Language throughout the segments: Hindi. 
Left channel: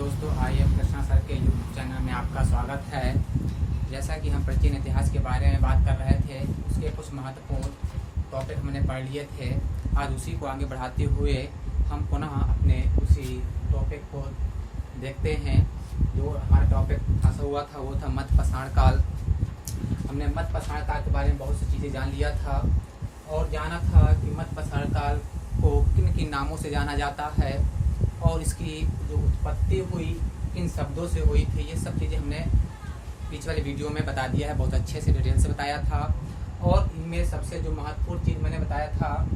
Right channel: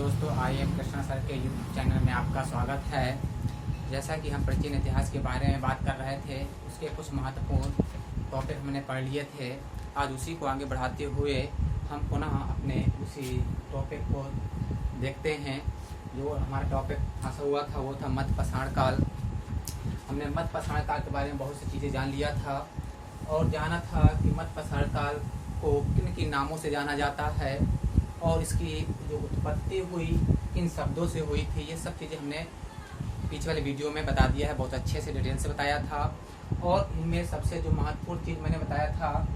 दोस्तों, आई एम कृष्णा सर के यूट्यूब चैनल में आपका स्वागत है। जैसा कि हम प्राचीन इतिहास के बारे में बात कर रहे थे, उसके कुछ महत्वपूर्ण टॉपिक हमने पढ़ लिए थे। आज उसी को आगे बढ़ाते हुए हम पुनः अपने उसी टॉपिक को देखते हैं। जो हमारा टॉपिक फंसा हुआ था वो था मध्य पाषाण काल। हमने मध्य पाषाण काल के बारे में बहुत सी चीज़ें जान लिया था और जाना था कि मध्य पाषाण काल को किन किन नामों से जाना जाता है और इसकी जो उत्पत्ति हुई किन शब्दों से हुई थी। ये सब चीज़ें हमने बीच वाले वीडियो में बता दिया है, बहुत अच्छे से डिटेल से बताया था। और इनमें सबसे जो महत्वपूर्ण चीज़ मैंने बताया था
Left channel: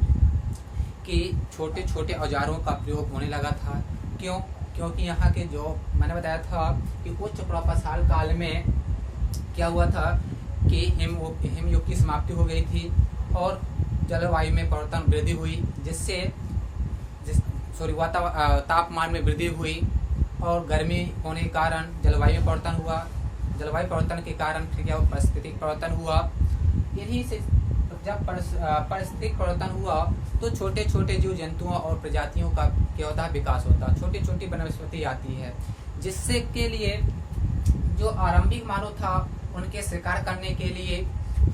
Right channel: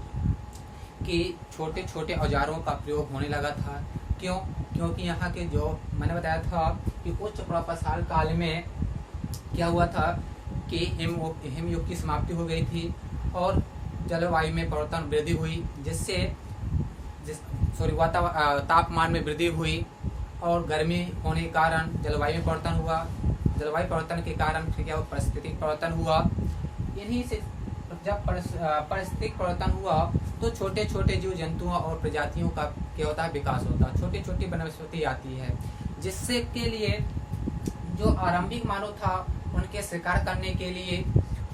कि छोटे छोटे औजारों का प्रयोग होने लगा था। क्योंकि यहाँ के जो मैंने बताया था कि उच्च पाषाण काल में क्या हुआ था कि हिमयुग की समाप्ति हो गई थी और जलवायु में परिवर्तन वृद्धि हुई, तापमान में वृद्धि हुई और गर्मी होने के कारण जलवायु में परिवर्तन हुआ। जलवायु परिवर्तन के कारण फिर क्या पारिस्थितिक परिवर्तन हुआ। इन्हीं से जब पारिस्थितिक परिवर्तन हुआ तो छोटे छोटे जीव जंतुओं और प्रजातियों का क्या होता है, विकास होता है। छोटी छोटी वनस्पति आती है, जिससे के लिए जो आरंभिक मानव था उनके शिकार करने के लिए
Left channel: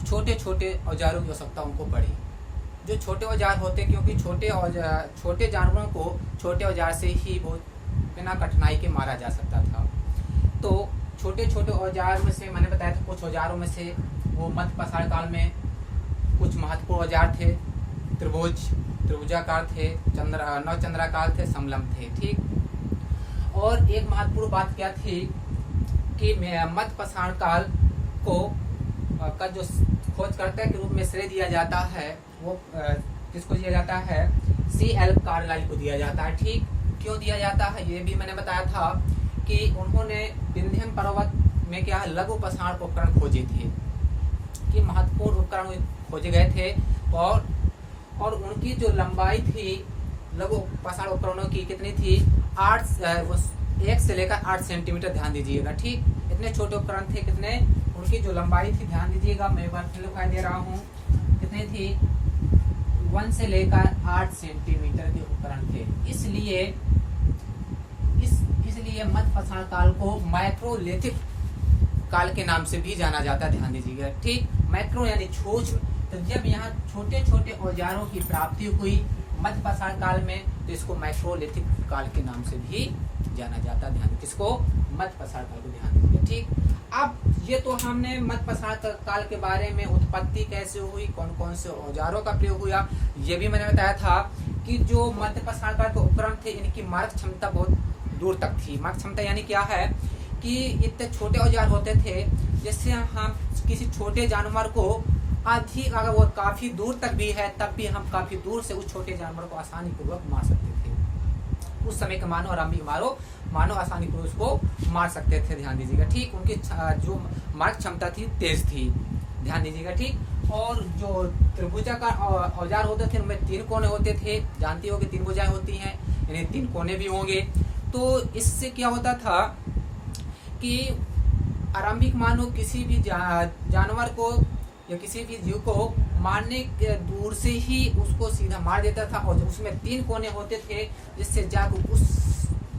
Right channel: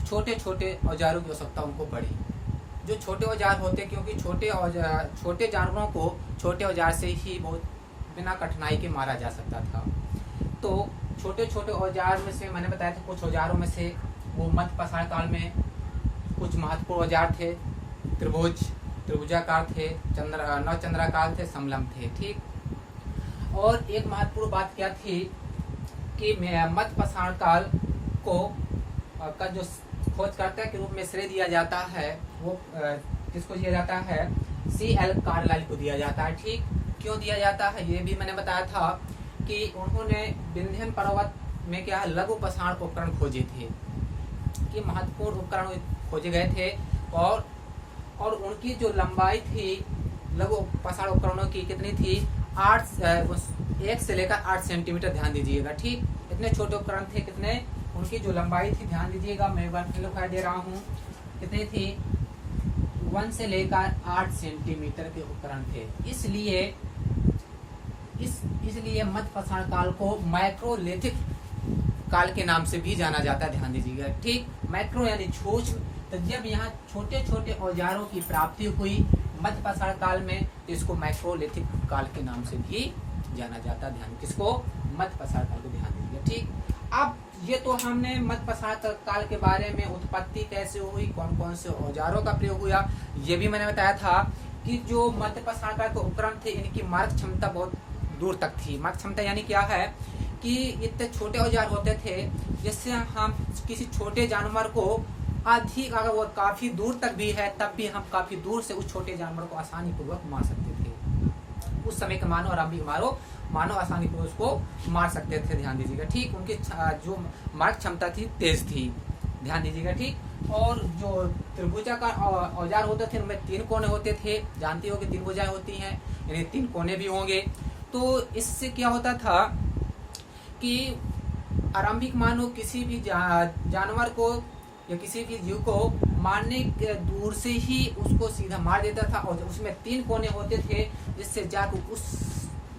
छोटे छोटे औजारों की आवश्यकता उनको पड़ी। जो छोटे औजार होते, क्योंकि छोटे जानवरों को छोटे औजार से ही बहुत बिना कठिनाई के मारा जा सकता था। तो छोटे छोटे औजार में से मैंने बताया था कुछ औजारों में से वो मध्य पाषाण काल में कुछ महत्वपूर्ण औजार थे। त्रिभुजाकार थे, नवचंद्राकार थे, समलम थे। ठीक। और एक महत्वपूर्ण बात क्या थी कि मध्य पाषाण काल को का जो खोजकर्ता के रूप में श्रेय दिया जाता है वो किसको दिया जाता है? C.L. कार्लाइल को दिया जाता है। ठीक। क्यों दिया जाता है ये भी मैंने बताया था कि उन्होंने विंध्यन पर्वत में क्या लघु पाषाण उपकरण खोजे थे, कि महत्वपूर्ण उपकरण खोजे गए थे और उनकी जो लंबाई थी लघु पाषाण उपकरणों की कितनी थी? 1 से लेकर 8 सेंटीमीटर। ध्यान दीजिएगा। ठीक। इतने छोटे उपकरण थे। कितने? उनकी जो लंबाई थी, ध्यान दीजिएगा, मैं एक बार फिर दिखाई दे रहा हूँ, कितनी थी? 1 से लेकर 8 सेंटीमीटर के उपकरण थे। इसलिए मध्य पाषाण काल को माइक्रोलिथिक काल के नाम से भी जाना जाता है। ध्यान दीजिएगा। ठीक। माइक्रो यानी सूक्ष्म। तो जब यहाँ छोटे छोटे औजारों की प्राप्ति हुई मध्य पाषाण काल में, तो इसको माइक्रोलिथिक काल के नाम से भी जाना जाता है। ध्यान किसको? मध्य पाषाण काल को। ध्यान दीजिए। ठीक। अब ये तो हमने मध्य पाषाण काल के बारे में उत्पत्ति कैसे हुई, कौन कौन से औजारों का प्रयोग हुआ, ये भी मैंने बताया था कि जो मध्य पाषाण काल के उपकरण थे इनकी मारक क्षमता बहुत दूर तक थी। मारक क्षमता यानी क्या है कि इतने छोटे औजार होते थे जिससे हम किसी छोटे जानवर को अधिक, अगर वो काफी दूर तक भी है तब भी हम काफी दूर से उस छोटे जानवर को आसानी पूर्वक मार सकते थे। उस समय के मानव आरंभिक मानव आसानी पूर्वक उसको मार सकते थे। ध्यान दीजिएगा। ठीक। उनकी जो मारक क्षमता थी तेज थी। ध्यान दीजिएगा। ठीक। और जो त्रिभुजाकार औजार होते थे उनमें 3 कोने होते थे। जानती हो कि 3 भुजाएं होती हैं, यानी 3 कोने भी होंगे। तो इससे क्या होता था कि आरंभिक मानव किसी भी जानवर को या किसी भी जीव को मारने के दूर से ही उसको सीधा मार देता था। और उसमें 3 कोने होते थे जिससे जाकर उस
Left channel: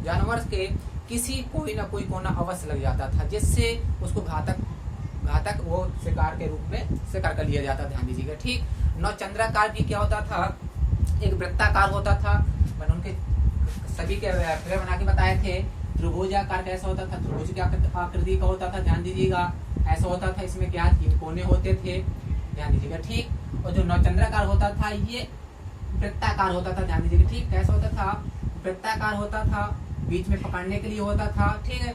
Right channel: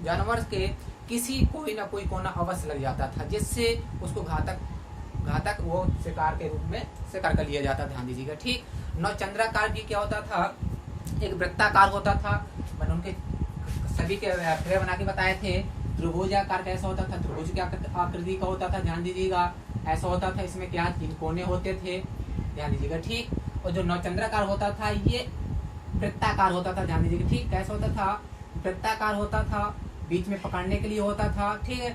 जानवर के किसी कोई ना कोई कोना अवश्य लग जाता था, जिससे उसको घातक वो शिकार के रूप में शिकार कर लिया जाता। ध्यान दीजिएगा। ठीक। नवचंद्राकार भी क्या होता था? एक वृत्ताकार होता था। मैंने उनके सभी के फिगर बना के बताए थे। त्रिभुजाकार कैसा होता था? त्रिभुज की आकृति का होता था। ध्यान दीजिएगा। ऐसा होता था, इसमें क्या 3 कोने होते थे। ध्यान दीजिएगा। ठीक। और जो नवचंद्राकार होता था ये वृत्ताकार होता था। ध्यान दीजिएगा। ठीक। कैसा होता था? वृत्ताकार होता था, बीच में पकड़ने के लिए होता था। ठीक है।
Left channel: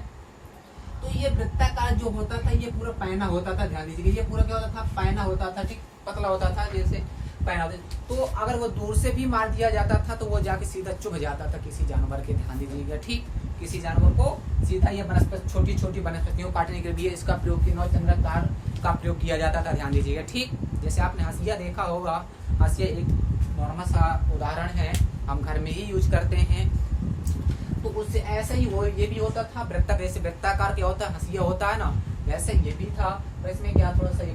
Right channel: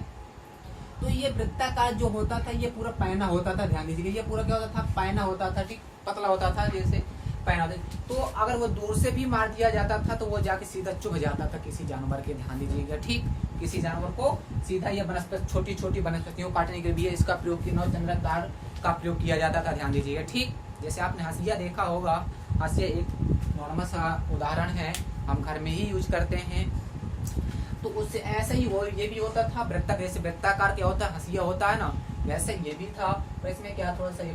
तो ये वृत्ताकार जो होता था ये पूरा पैना होता था। ध्यान दीजिएगा। ये पूरा क्या होता था? पैना होता था। ठीक। पतला होता था, जैसे पैना होता था। तो अगर वो दूर से भी मार दिया जाता था तो वो जाके सीधा चुभ जाता था किसी जानवर के। ध्यान दीजिएगा। ठीक। किसी जानवर को सीधा ये वनस्पति, छोटी छोटी वनस्पतियों काटने के लिए इसका प्रयोग, नवचंद्राकार का प्रयोग किया जाता था। ध्यान दीजिएगा। ठीक। जैसे आपने हंसिया देखा होगा, हंसिया एक नॉर्मल सा उदाहरण है, हम घर में ही यूज करते हैं। तो उससे ऐसे ही वो ये भी होता था। जैसे वृत्ताकार क्या होता है, हंसिया होता है ना, वैसे ये भी था। पर इसमें क्या थोड़ा सा ये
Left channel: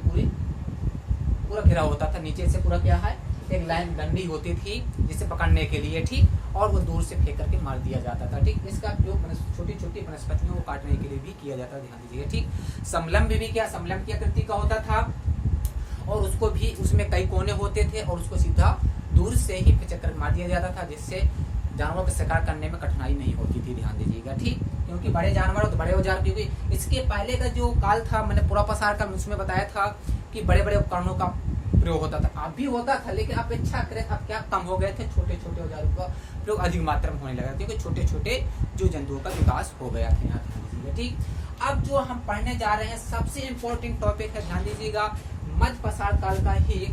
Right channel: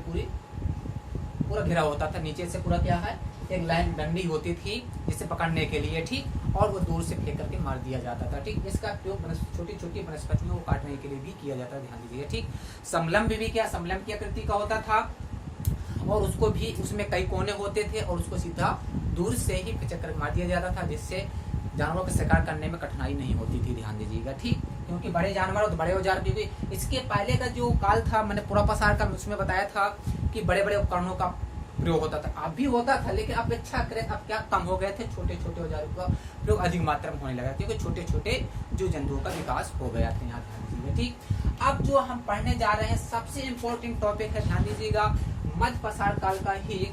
पूरा घिरा होता था, नीचे से पूरा क्या है एक लाइन डंडी होती थी जिसे पकड़ने के लिए, ठीक, और वो दूर से फेंक करके मार दिया जाता था, ठीक। इसका उपयोग छोटी छोटी वनस्पतियों को काटने के लिए भी किया जाता है, ध्यान दीजिए, ठीक। समलम्ब भी क्या, समलम्ब की आकृति का होता था और उसको भी, उसमें कई कोने होते थे और उसको सीधा दूर से ही चक्कर मार दिया जाता था, जिससे जानवरों का शिकार करने में कठिनाई नहीं होती थी, ध्यान दीजिएगा, ठीक। क्योंकि बड़े जानवर तो बड़े औजार, क्योंकि इसके पहले का जो काल था, मैंने पूरा पसार का उसमें बताया था कि बड़े बड़े उपकरणों का प्रयोग होता था, अब भी होता था, लेकिन अपेक्षाकृत अब क्या कम हो गए थे, छोटे छोटे औजारों का प्रयोग अधिक मात्रा में होने लगा, क्योंकि छोटे छोटे जो जंतुओं का विकास हो गया था, यहाँ ध्यान दीजिएगा, ठीक। अब जो हम पढ़ने जा रहे हैं सबसे इम्पोर्टेंट टॉपिक है, ध्यान दीजिएगा, मध्य पसार काल का ही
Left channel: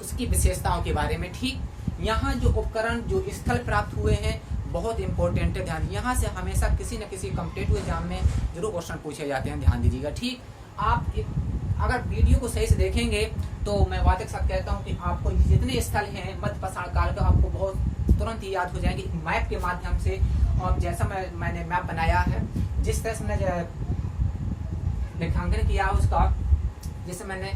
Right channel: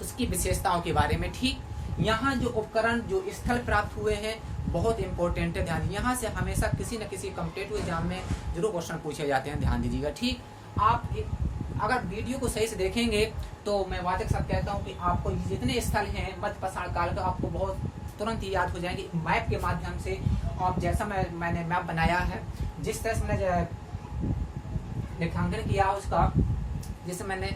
उसकी विशेषताओं के बारे में, ठीक। यहाँ जो उपकरण, जो स्थल प्राप्त हुए हैं, बहुत इंपॉर्टेंट है, ध्यान। यहाँ से हमेशा किसी न किसी कॉम्पिटिटिव एग्जाम में जरूर क्वेश्चन पूछे जाते हैं, ध्यान दीजिएगा, ठीक। आप अगर वीडियो को सही से देखेंगे तो मैं वादे के साथ कहता हूँ कि आपको जितने स्थल हैं मध्य पसार काल का, आपको बहुत तुरंत ही याद हो जाएंगे मैप के माध्यम से। और जैसा मैंने मैप बनाया है, जिस तरह से मैंने रेखांकन किया उसका, जैसे मैंने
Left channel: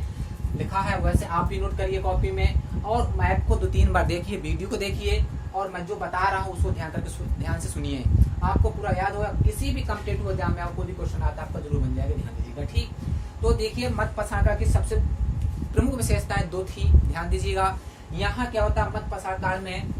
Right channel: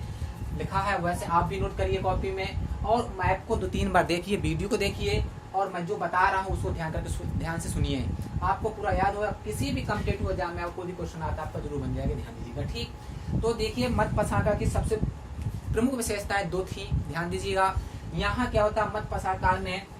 लिखा है, वैसे आप भी नोट करिए कॉपी में, और मैप को 2-3 बार देखिए, वीडियो को देखिए, और मैं जो बता रहा हूँ उसको ध्यान से सुनिए, आपको पूरा याद होगा। किसी भी कॉम्पिटिटिव एग्जाम में आपको भी क्वेश्चन आता है, आपका जरूर बन जाएगा, ध्यान दीजिएगा, ठीक। तो देखिए, मध्य पसार काल की सबसे प्रमुख विशेषताएं 2 थी, ध्यान दीजिएगा। यहाँ क्या होता है, मध्य पसार काल में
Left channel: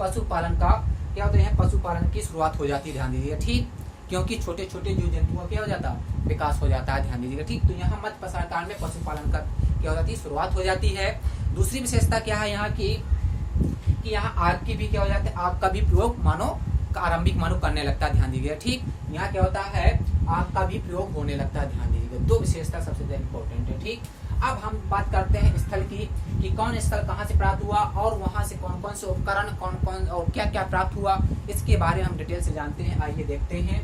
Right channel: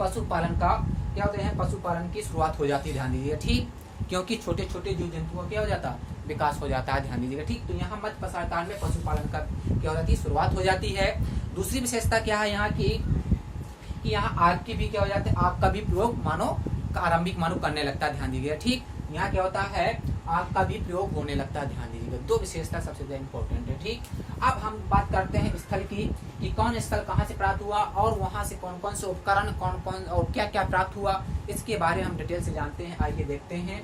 पशुपालन का क्या होता है, पशुपालन की शुरुआत हो जाती है, ध्यान दीजिएगा, ठीक। क्योंकि छोटे छोटे जीव जंतुओं क्या हो जाता है, विकास हो जाता है, ध्यान दीजिएगा, ठीक। तो यहाँ मध्य पसार काल में पशुपालन का क्या हो जाती है, शुरुआत हो जाती है। दूसरी विशेषता क्या है यहाँ की, कि यहाँ आग की भी क्या हो जाता है, आग का भी प्रयोग मानव आरंभिक मानव करने लगता है, ध्यान दीजिएगा, ठीक। यहाँ क्या होता है, आग का भी प्रयोग होने लगता है, ध्यान दीजिएगा। 2 विशेषता सबसे ज्यादा इंपॉर्टेंट है, ठीक। अब हम बात करते हैं स्थल की, कि कौन स्थल कहाँ से प्राप्त हुआ और वहां से कौन कौन से उपकरण, कौन कौन और क्या क्या प्राप्त हुआ, इसके बारे में हम डिटेल से जानते हैं। आइए देखते हैं।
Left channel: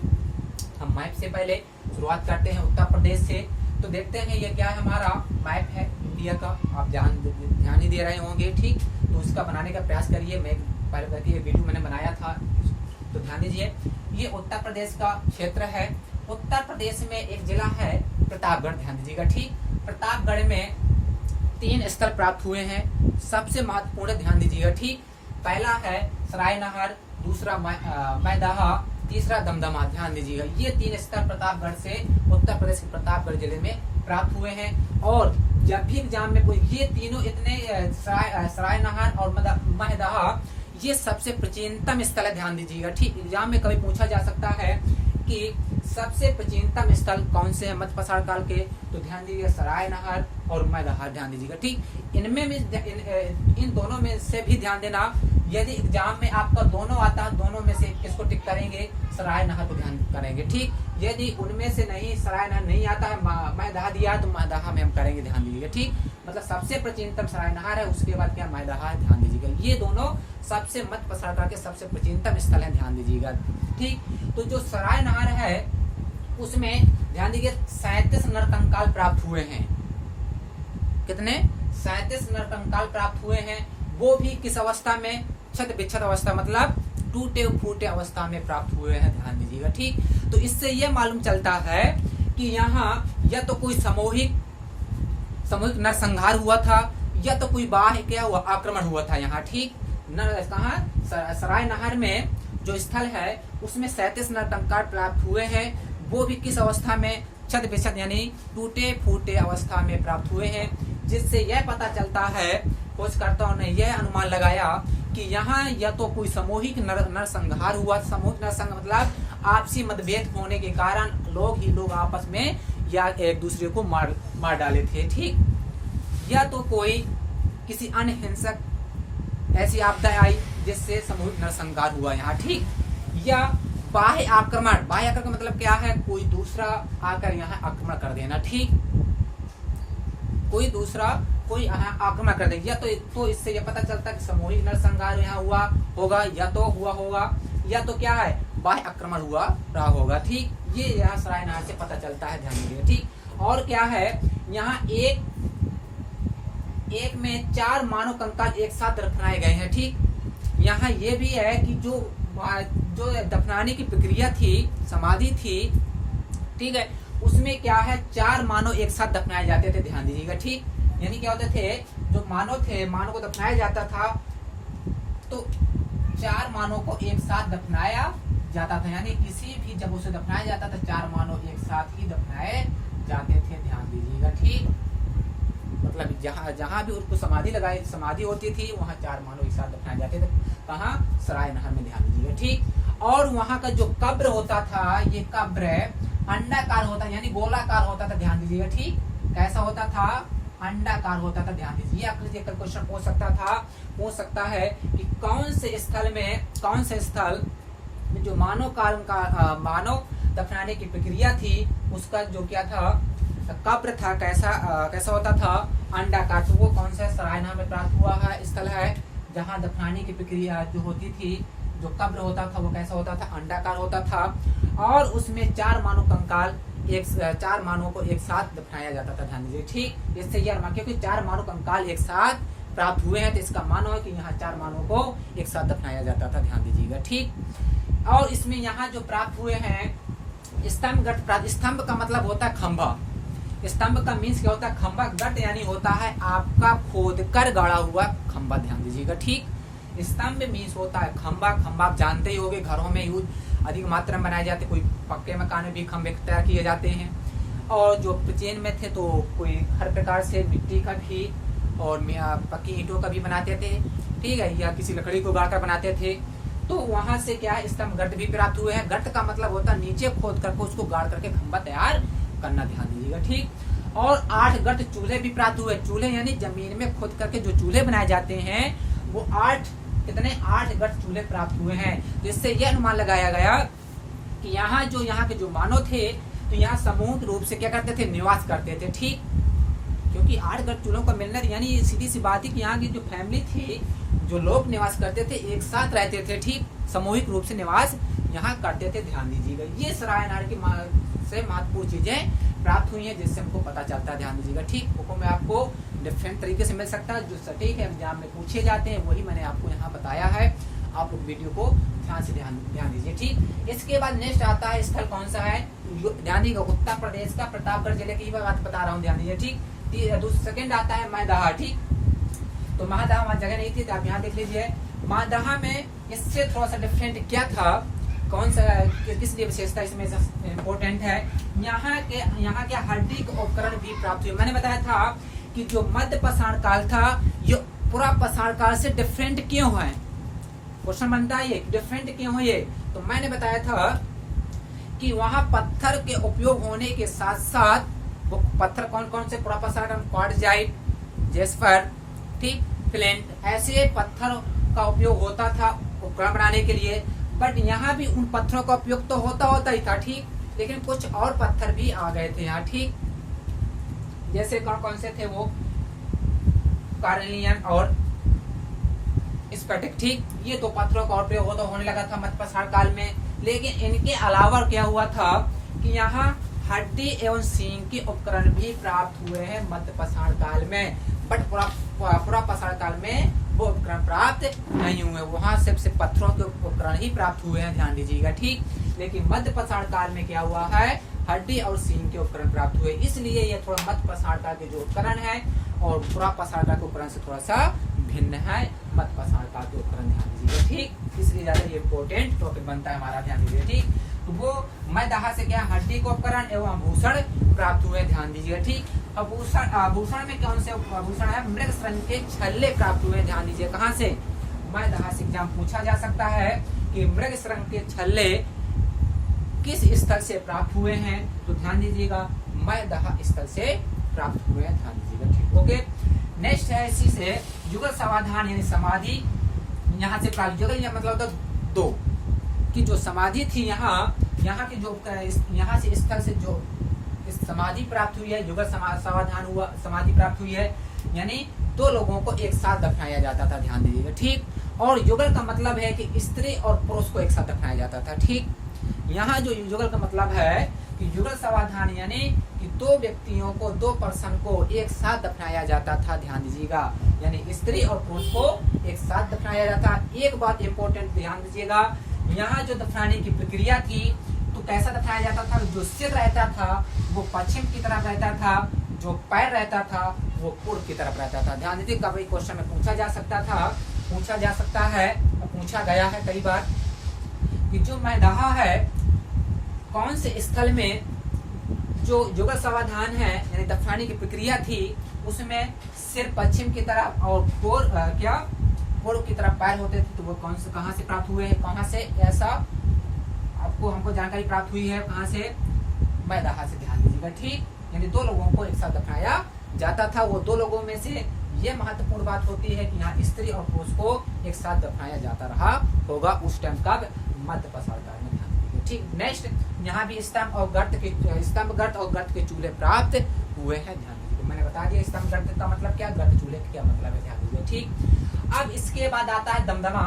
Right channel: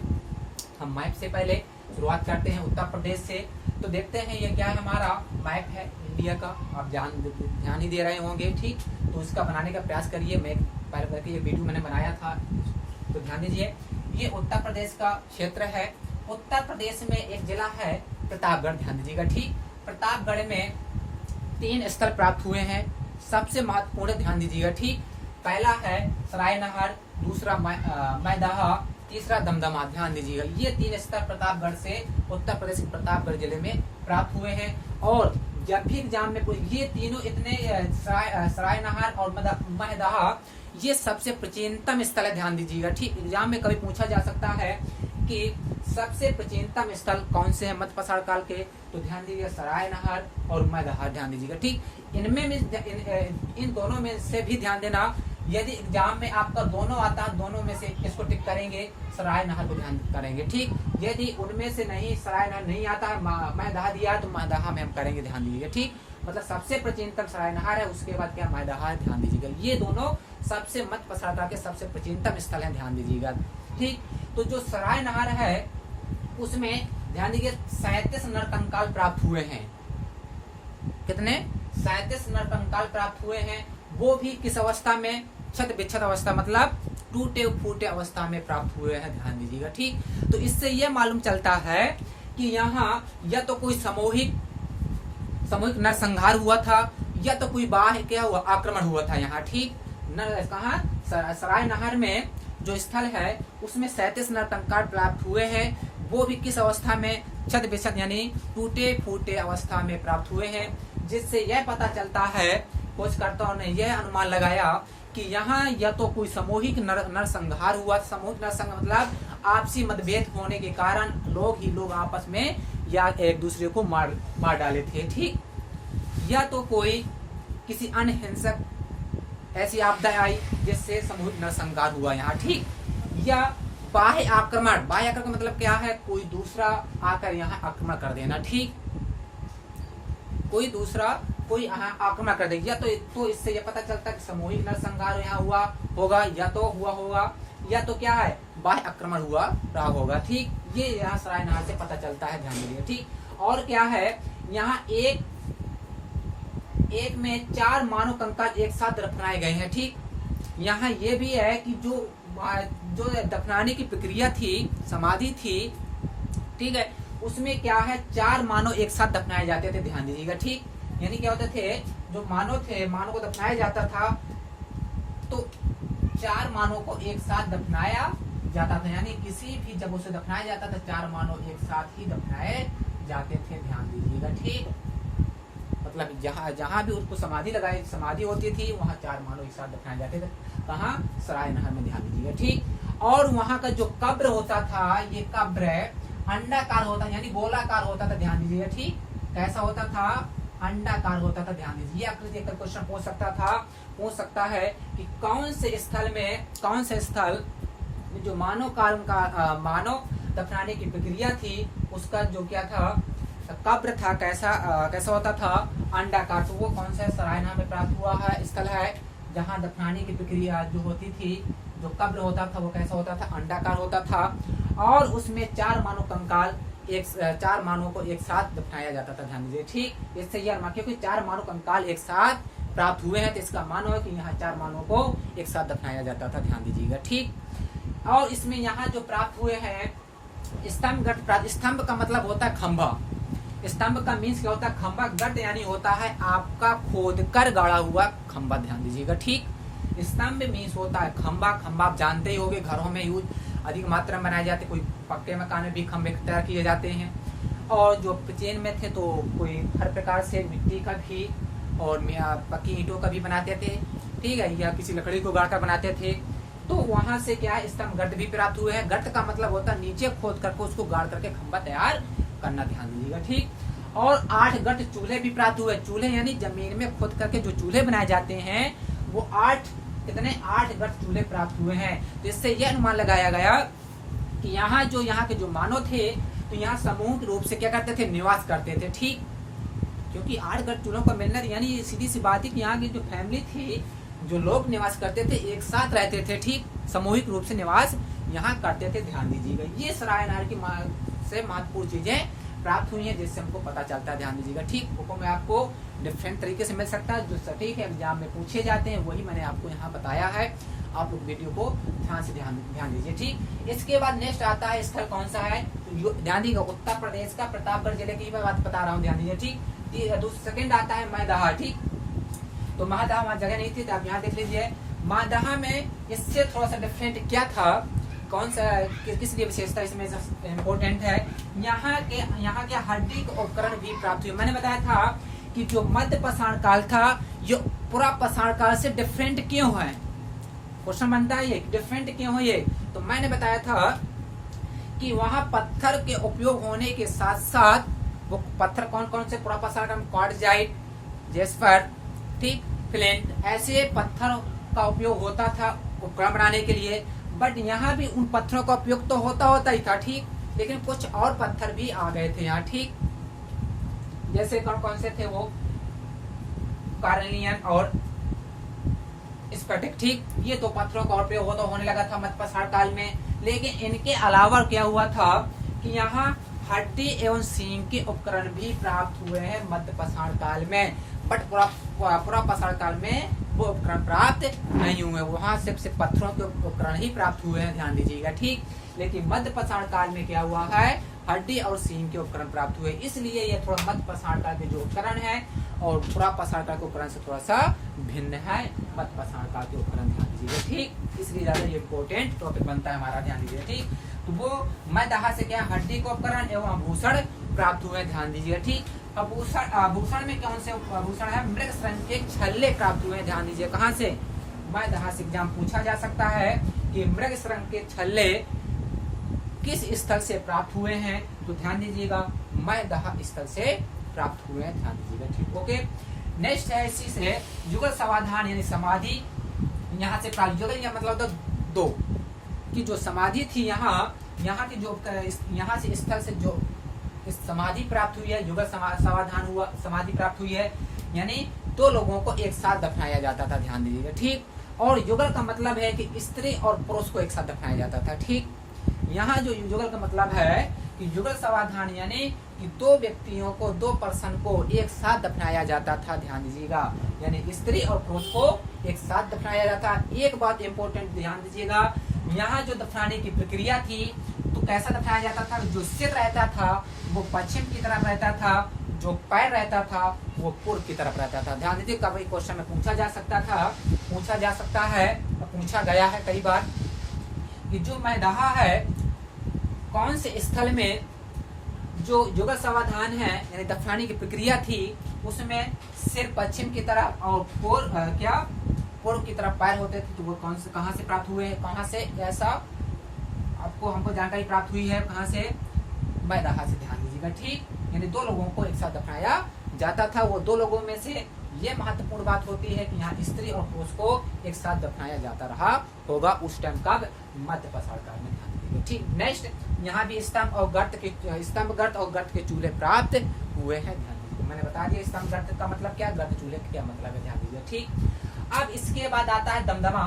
हम मैप से पहले शुरुआत करते हैं उत्तर प्रदेश से। तो देखते हैं ये क्या है, हमारा मैप है इंडिया का, आप ध्यान ही दे रहे होंगे, ठीक। तो इसका बनाने का प्रयास करिए, मैं पहले ये वीडियो मैंने बनाया था, तो ध्यान दीजिए। ये उत्तर प्रदेश का क्षेत्र है। उत्तर प्रदेश में एक जिला है प्रतापगढ़, ध्यान दीजिएगा, ठीक। प्रतापगढ़ में 3 स्थल प्राप्त हुए हैं, सबसे महत्वपूर्ण, ध्यान दीजिएगा, ठीक। पहला है सरायनहर, दूसरा मैदाहा, तीसरा दमदमा, ध्यान दीजिएगा। ये 3 स्थल प्रतापगढ़ से, उत्तर प्रदेश के प्रतापगढ़ जिले में प्राप्त हुए हैं। और जब भी एग्जाम में ये तीनों इतने सरायनहर और मैदाहा, ये सबसे प्राचीनतम स्थल है, ध्यान दीजिएगा, ठीक। एग्जाम में कभी पूछा जा सकता है कि सबसे प्राचीनतम स्थल कौन से हैं मध्य पसार काल के, तो ध्यान दीजिएगा सरायनहर और मैदाहा, ध्यान दीजिएगा, ठीक। इनमें इन दोनों में से भी ध्यान देना, यदि एग्जाम में आपका दोनों आता है, दोनों में से किसको टिक करेंगे, सरायनहर को ध्यान करेंगे, ठीक। यदि उनमें से नहीं, सरायनहर नहीं आता है, मैदाहा दिया तो मैदाहा में हम करेंगे, ध्यान दीजिएगा, ठीक। मतलब सबसे प्राचीनतम सरायनहर है, उसके बाद क्या मैदाहा है, ध्यान दीजिएगा। ये दोनों सबसे मध्य पसार काल के सबसे प्राचीनतम स्थल है, ध्यान दीजिएगा, ठीक। तो जो सरायनहर है उसमें ध्यान दीजिए 37 नरकंकाल प्राप्त हुए हैं। कितने? 37 नरकंकाल प्राप्त हुए हैं। वो भी किस अवस्था में, क्षत विक्षत अवस्था, मतलब टूटे फूटे अवस्था में प्राप्त हुए हैं, ध्यान दीजिएगा, ठीक। तो इससे यह मालूम चलता है कि यहाँ या तो कोई सामूहिक नरसंहार हुआ था, या तो कोई बाह्य क्या हुआ, आक्रमण हुआ था यहाँ, ठीक। कहाँ, सरायनहर में जो स्थल है उसमें 37 नरकंकाल प्राप्त हुए हैं। वो भी किस अवस्था में, क्षत विक्षत यानी टूटे फूटे अवस्था में प्राप्त हुए हैं, जिससे यह पता चलता है, खोजकर्ताओं ने यह अनुमान लगाया कि यहाँ या तो कोई सामूहिक नरसंहार हुआ। सामूहिक नरसंहार मतलब आपसी मतभेद होने के कारण लोग आपस में या एक दूसरे को मार डाले थे, ठीक। या तो कोई किसी अन्य हिंसक ऐसी आपदा आई जिससे सामूहिक नरसंहार हुआ यहाँ, ठीक। या बाह्य आक्रमण मतलब क्या है, कोई दूसरा आकर यहाँ आक्रमण कर देना, ठीक। कोई दूसरा कोई यहाँ आक्रमण कर दे, या तो इससे यह पता चलता है कि सामूहिक नरसंहार यहाँ हुआ होगा, या तो हुआ होगा, या तो क्या है, बाह्य आक्रमण हुआ रहा होगा, ठीक। ये यहाँ सरायनहर से पता चलता है, ध्यान दीजिए, ठीक। और क्या है, यहाँ एक में 4 मानव कंकाल एक साथ दफनाए गए हैं, ठीक। यहाँ ये भी है कि जो दफनाने की प्रक्रिया थी, समाधि थी, ठीक है, उसमें क्या है, 4 मानव एक साथ दफनाए जाते थे, ध्यान दीजिएगा, ठीक। यानी क्या होते थे, जो मानव थे, मानव को दफनाया जाता था तो 4 मानव को एक साथ दफनाया जाता था, यानी किसी भी जब उसे दफनाया जाता था 4 मानव एक साथ ही दफनाए जाते थे। ध्यान दीजिएगा, ठीक। मतलब जहां भी उसको समाधि होती थी वहां 4 मानव एक साथ दफनाए जाते थे। कहाँ? सराय नहर में। ध्यान दीजिएगा, ठीक। और वहां का जो कब्र होता था, ये कब्र अंडाकार होता, यानी गोलाकार होता था। ध्यान दीजिएगा, ठीक। कैसा होता था? अंडाकार होता था। ध्यान दीजिए, आकृति एक क्वेश्चन पूछ सकता है कि कौन से स्थल जो मानव दफनाने की प्रक्रिया थी उसका जो क्या था, कब्र था, कैसा होता था? अंडाकार। तो वो कौन सा सरायना में प्राप्त हुआ है स्थल है जहाँ दफनाने की प्रक्रिया जो होती थी, जो कब्र होता था वो कैसा होता था? अंडाकार होता था। और उसमें 4 मानव कंकाल 4 मानवों को एक साथ दफनाया जाता था। ध्यान दीजिए, ठीक। इससे यह क्योंकि 4 मानव कंकाल एक साथ प्राप्त हुए हैं तो इसका मानो है कि यहाँ 4 मानवों को एक साथ दफनाया जाता था। ध्यान दीजिएगा, ठीक। और इसमें यहाँ जो प्राप्त हुए हैं स्तंभ का मतलब होता है खंभा। स्तंभ का मीन्स क्या होता है? खंभा। गट यानी होता है आपका खोद कर गाड़ा हुआ खंभा। ध्यान दीजिएगा, ठीक। स्तंभ मीन्स होता है खंभा। खंभा आप जानते ही होंगे, घरों में यूज अधिक मात्रा में बनाए जाते, कोई पक्के मकान में भी खंभे तैयार किए जाते हैं। और जो प्राचीन में थे तो कोई हर प्रकार से मिट्टी का भी और पक्की ईंटों का भी बनाते थे, ठीक है, या किसी लकड़ी को गाड़कर बनाते थे। तो वहां से क्या है, स्तंभ गट भी प्राप्त हुए हैं। गट का मतलब होता है नीचे खोद करके उसको गाड़ करके खंभा तैयार करना। ध्यान दीजिएगा, ठीक। और 8 गट चूल्हे भी प्राप्त हुए। चूल्हे यानी जमीन में खोद करके जो चूल्हे बनाए जाते हैं वो 8 गट चूल्हे प्राप्त हुए हैं। तो इससे यह अनुमान लगाया गया कि यहाँ के जो मानव थे तो यहाँ सामूहिक रूप से क्या करते थे? निवास करते थे, ठीक। क्योंकि 8 गट चूल्हों का मिलना यानी सीधी सी बात है कि यहाँ की जो फैमिली थी, जो लोग निवास करते थे, एक साथ रहते थे, ठीक। सामूहिक रूप से निवास यहाँ करते थे। ध्यान दीजिएगा, ये सराय नहर की से महत्वपूर्ण चीजें प्राप्त हुई हैं जिससे हमको पता चलता है। ध्यान दीजिएगा, ठीक। वो मैं आपको डिफरेंट तरीके से मिल सकता है, जो सटीक है एग्जाम में पूछे जाते हैं वही मैंने आपको यहाँ बताया है। आप लोग वीडियो को ध्यान से ध्यान दीजिए, ठीक। इसके बाद नेक्स्ट आता है स्थल कौन सा है? ध्यान दीजिएगा, उत्तर प्रदेश का प्रतापगढ़ जिले की बात बता रहा हूँ। ध्यान दीजिए, ठीक। सेकंड आता है मैदाहा, ठीक। तो महादाहा वहां जगह नहीं थी तो आप यहाँ देख लीजिए। महादाहा में इससे थोड़ा सा डिफरेंट क्या था, कौन सा किस लिए विशेषता इसमें इम्पोर्टेंट है? यहाँ के हड्डी के उपकरण भी प्राप्त हुए। मैंने बताया था कि जो मध्य पाषाण काल था ये पूरा पाषाण काल से डिफरेंट क्यों है? क्वेश्चन बनता है ये, डिफरेंट क्यों है ये? तो मैंने बताया था कि वहाँ पत्थर के उपयोग होने के साथ साथ वो पत्थर कौन से? पूरा पाषाण काल, क्वार्टजाइट, जेस्पर, ठीक, फ्लिंट, ऐसे पत्थर का उपयोग होता था उपकरण बनाने के लिए। बट यहाँ भी उन पत्थरों का उपयोग तो होता ही था, ठीक, लेकिन कुछ और पत्थर भी आ गए थे यहाँ, ठीक। जैसे कौन से थे वो? कार्नियन और स्फटिक, ठीक। ये 2 पत्थरों का उपयोग होने लगा था मध्य पाषाण काल में। लेकिन इनके अलावा क्या हुआ था कि यहाँ हड्डी एवं सींग के उपकरण भी प्राप्त हुए हैं मध्य पाषाण काल में। बट पूरा पाषाण काल में वो उपकरण प्राप्त नहीं हुए, वहां सिर्फ पत्थरों के उपकरण ही प्राप्त हुए हैं। ध्यान दीजिएगा, ठीक। लेकिन मध्य पाषाण काल में क्या हुआ है? हड्डी और सींग के उपकरण प्राप्त हुए। इसलिए ये थोड़ा मध्य पाषाण काल के जो उपकरण है और पूरा पाषाण काल के उपकरण से थोड़ा सा भिन्न है मध्य पाषाण काल के उपकरण। ध्यान दीजिएगा, ठीक। इसलिए ज्यादा ये इम्पोर्टेंट टॉपिक बनता है हमारा। ध्यान दीजिएगा, ठीक। तो वो मैदाहा से क्या हड्डी के उपकरण एवं आभूषण प्राप्त हुए। ध्यान दीजिएगा, ठीक। आभूषण में कौन से आभूषण है? मृग श्रृंग के छल्ले प्राप्त हुए। ध्यान दीजिए, कहाँ से? मैदाहा से एग्जाम पूछा जा सकता है कि मृग श्रृंग के छल्ले किस स्थल से प्राप्त हुए हैं? तो ध्यान दीजिएगा, मैदाहा स्थल से प्राप्त हुए हैं। ध्यान दीजिएगा, ठीक। ओके, नेक्स्ट है इसी से युगल समाधान यानी समाधि यहाँ से प्राप्त। युगल या मतलब 2 की जो समाधि थी यहाँ की जो यहाँ से स्थल से जो समाधि प्राप्त हुई है, युगल समाधान हुआ, समाधि प्राप्त हुई है, यानी 2 लोगों को एक साथ दफनाया जाता था। ध्यान दीजिएगा, ठीक। और युगल का मतलब है कि स्त्री और पुरुष को एक साथ दफनाया जाता था, ठीक। यहाँ जो युगल का मतलब है कि युगल समाधान यानी कि 2 व्यक्तियों को 2 पर्सन को एक साथ दफनाया जाता था। ध्यान दीजिएगा, यानी स्त्री और पुरुष को एक साथ दफनाया जाता। एक बात इम्पोर्टेंट ध्यान दीजिएगा, यहाँ जो दफनाने की प्रक्रिया थी तो कैसा दफनाया जाता था? जो सिर रहता था वो पश्चिम की तरफ रहता था, जो पैर रहता था वो पूर्व की तरफ रहता था। ध्यान दीजिए, कभी क्वेश्चन में पूछा जा सकता है, पूछा गया है कई बार कि जो मैदाहा है कौन से स्थल में जो युगल समाधान है यानी दफनाने की प्रक्रिया थी उसमें सिर पश्चिम की तरफ और पूर्व की तरफ पैर होते थे, तो वो कहाँ से प्राप्त हुए हैं, कहाँ से ऐसा हमको जानकारी प्राप्त हुई है, कहाँ से, मैदाहा से। ध्यान दीजिएगा, ठीक। यानी दो लोगों को एक साथ दफनाया जाता था। वो दो लोगों में से ये महत्वपूर्ण बात होती है कि यहाँ स्त्री और पुरुष को एक साथ दफनाया जाता रहा होगा उस टाइम का मध्य पाषाण काल में। ध्यान दीजिएगा, ठीक। नेक्स्ट, यहाँ भी स्तंभ गर्त और गर्त के चूल्हे प्राप्त हुए हैं। ध्यान दीजिए, मैंने बता दिया स्तंभ गर्त का मतलब क्या, गर्त चूल्हे का क्या मतलब है। ध्यान दीजिए, ठीक। अब इसके बाद आता है दमदमा।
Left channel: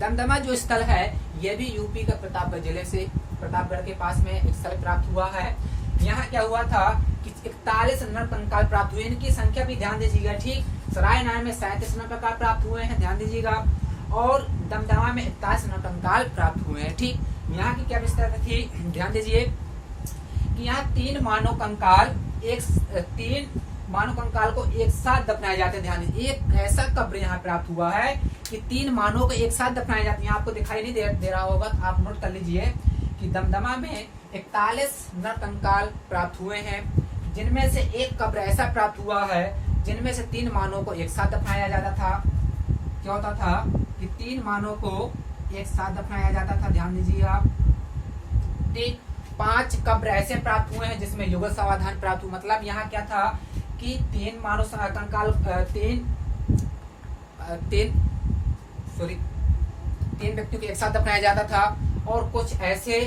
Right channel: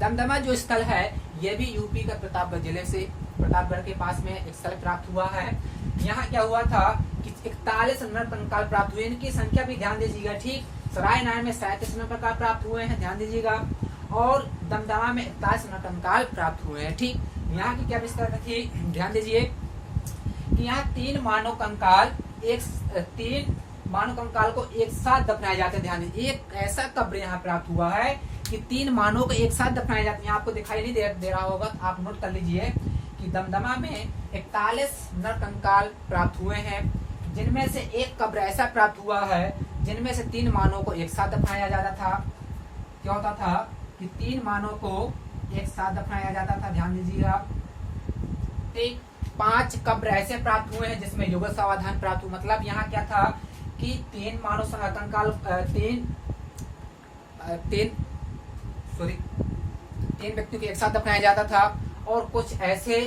दमदमा जो स्थल है ये भी यूपी का प्रतापगढ़ जिले से, प्रतापगढ़ के पास में एक स्थल प्राप्त हुआ है। यहाँ क्या हुआ था कि 41 नर कंकाल प्राप्त हुए, इनकी संख्या भी ध्यान दीजिएगा, ठीक। सराय नारायण में 37 नर कंकाल प्राप्त हुए हैं, ध्यान दीजिएगा, और दमदमा में 41 नर कंकाल प्राप्त हुए हैं, ठीक। यहाँ की क्या विस्तार थी, ध्यान दीजिए कि यहाँ 3 मानव कंकाल को एक साथ दफनाए जाते हैं। ध्यान दीजिए, एक ऐसा कब्र यहाँ प्राप्त हुआ है कि 3 मानव को एक साथ दफनाए जाते हैं। यहाँ आपको दिखाई नहीं दे रहा होगा, आप नोट कर लीजिए कि दमदमा में 41 नर कंकाल प्राप्त हुए हैं, जिनमें से एक कब्र ऐसा प्राप्त हुआ है जिनमें से 3 मानव को एक साथ दफनाया जाता था। क्या होता था कि 3 मानव को एक साथ दफनाया जाता था, ध्यान दीजिएगा, ठीक। 5 कब्र ऐसे प्राप्त हुए हैं जिसमें युगल समाधान प्राप्त हुआ। मतलब यहाँ क्या था कि 3 मानव कंकाल 3 व्यक्तियों को एक साथ दफनाया जाता था, और कुछ ऐसे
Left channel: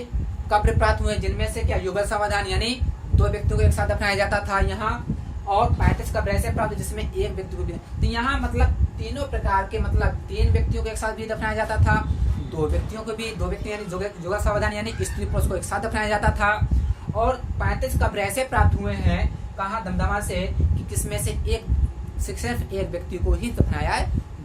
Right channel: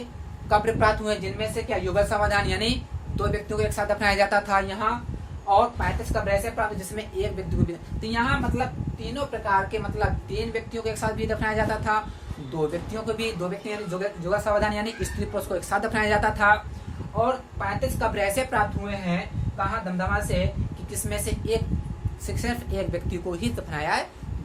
कब्र प्राप्त हुए जिनमें से क्या युगल समाधान यानी 2 व्यक्तियों को एक साथ दफनाया जाता था यहाँ, और 35 कब्र ऐसे प्राप्त जिसमें एक व्यक्ति को भी। तो यहाँ मतलब तीनों प्रकार के, मतलब 3 व्यक्तियों को एक साथ भी दफनाया जाता था, 2 व्यक्तियों को भी, 2 व्यक्ति यानी युगल समाधान यानी स्त्री पुरुष को एक साथ दफनाया जाता था, और 35 कब्र ऐसे प्राप्त हुए हैं कहाँ, दमदमा से, कि किसमें से सिर्फ एक व्यक्ति को ही दफनाया